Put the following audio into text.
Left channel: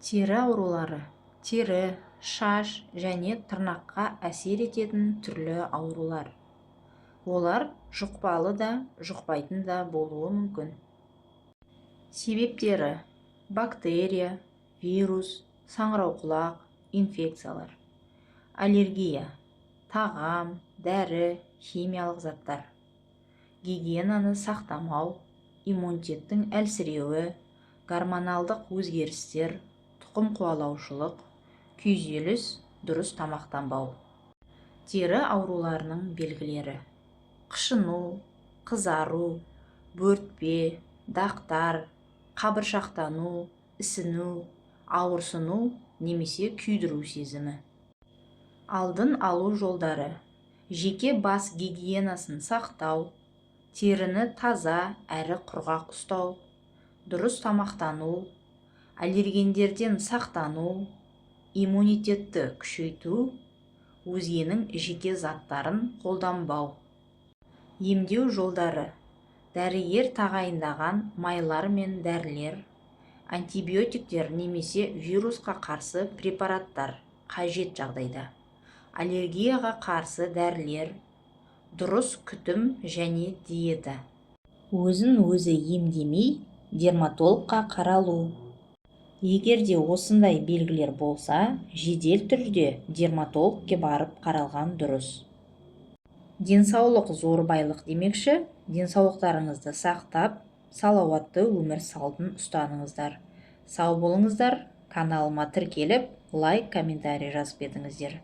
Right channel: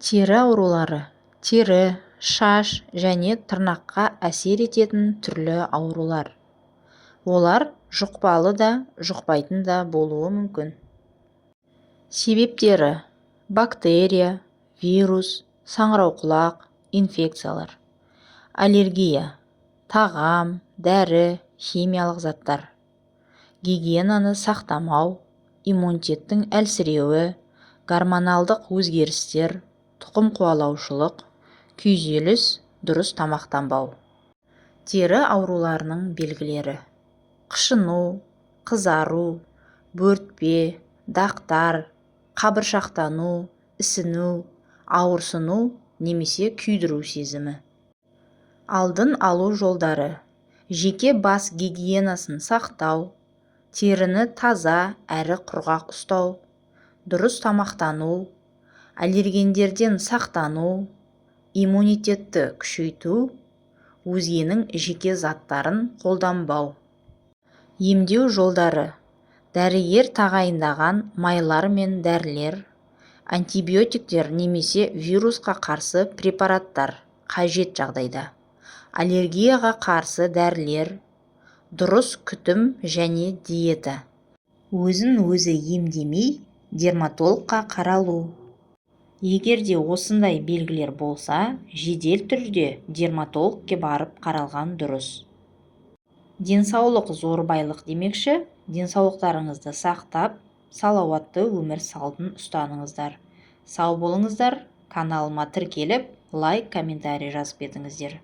Тері аурулары тері, шаш және тырнаққа әсер ететін түрлі аурулар. Олар жұқпалы да, жұқпайтын да болуы мүмкін. Себептері: бактерия, вирус, саңырауқұлақ, инфекциялар. Аллергия: тағам, дәрі, химиялық заттар. Гигиенаны сақтамау, иммунитеттің әлсіреуі, гормоналдық өзгерістер, тұқым қуалаушылық, күйзеліс, дұрыс тамақтанбау. Тері ауруларының белгілері: қышыну, қызару, бөртпе, дақтар, қабыршақтану, ісіну, ауырсыну немесе күйдіру сезімі. Алдын алу жолдары: жеке бас гигиенасын сақтау, теріні таза әрі құрғақ ұстау, дұрыс тамақтану, аллергендерден сақтану, иммунитетті күшейту, өзгенің жеке заттарын қолданбау. Емдеу жолдары: дәрігер тағайындаған майлар мен дәрілер, антибиотиктер немесе вирусқа қарсы препараттар қажет жағдайда, аллергияға қарсы дәрілер, дұрыс күтім және диета. Өзін өзі емдемей, дерматологқа қаралу. Егерде осындай белгілер болса, жедел түрде дерматологке барып қаралған дұрыс. Денсаулық зор байлық демекші, денсаулықтарыңызды сақтап, салауатты өмір салтын ұстаныңыздар. Сау болыңыздар, каналыма тіркеліп, лайк, комментарий жазып кетіңіздер.